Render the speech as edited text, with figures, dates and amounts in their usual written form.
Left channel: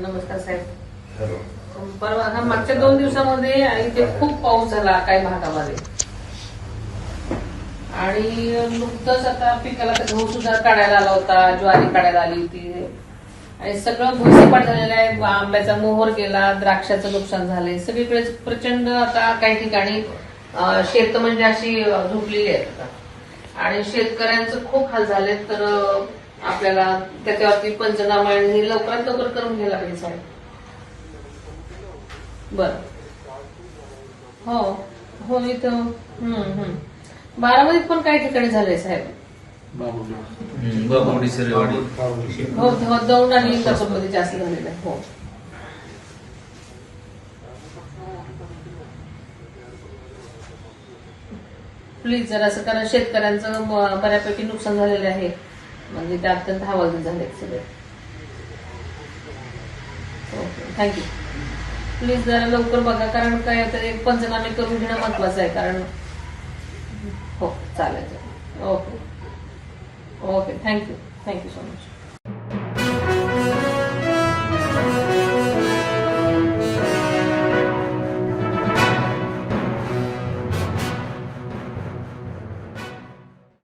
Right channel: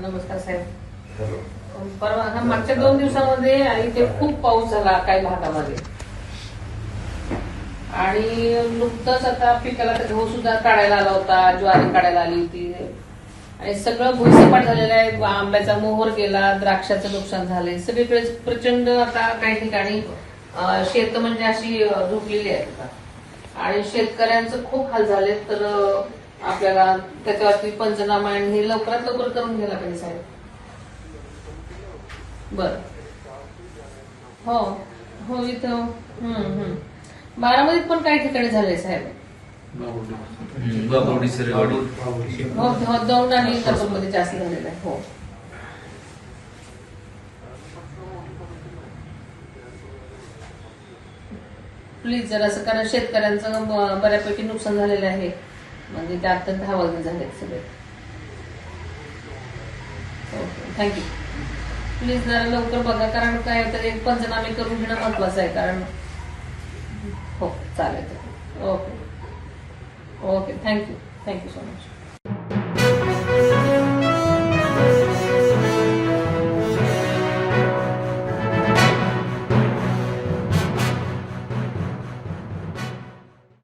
नमस्कार साहेब. परवा मागच्या 2 दिवसामध्ये इथे खूप पाऊस झाला काही भागामध्ये आणि नुकतंच आता पिकाला गहू सुद्धा काढायला आला होता, ज्वारी काढायला आली होती आणि सगळं भुईसपाट झालेलं आहे. आंब्याचा मोहर गेला, द्राक्षाचं नुकसान झालंय. सगळीकडे प्रचंड आता काही ठिकाणी शेत म्हणजे अशी झोपलेली आहेत आणि शेतकऱ्यांचं खूप हाल झाले. तर आपल्याला त्याच्यावरती पंचनामा हे लवकरात लवकर करून घ्यायला पाहिजे साहेब. बर हो हो इथं बारामतीत पण काही ठिकाणी झालंय साहेब. हो दौंड आणि कसोमध्ये जास्त झालेलं आहे. हो प्लीज जरा असं, कारण शेतकऱ्यांचं बऱ्यापैकी नुकसान झालेलं आहे. म्हणजे ते अत्यंत हवालदिल झालेत सगळे. Okay thank you. प्लीज जरा लवकर बघा, कारण काय तर एक पंचनामे करून घेणं महत्वाचं आहे. कारण हो चालेल. Okay okay thank you so much.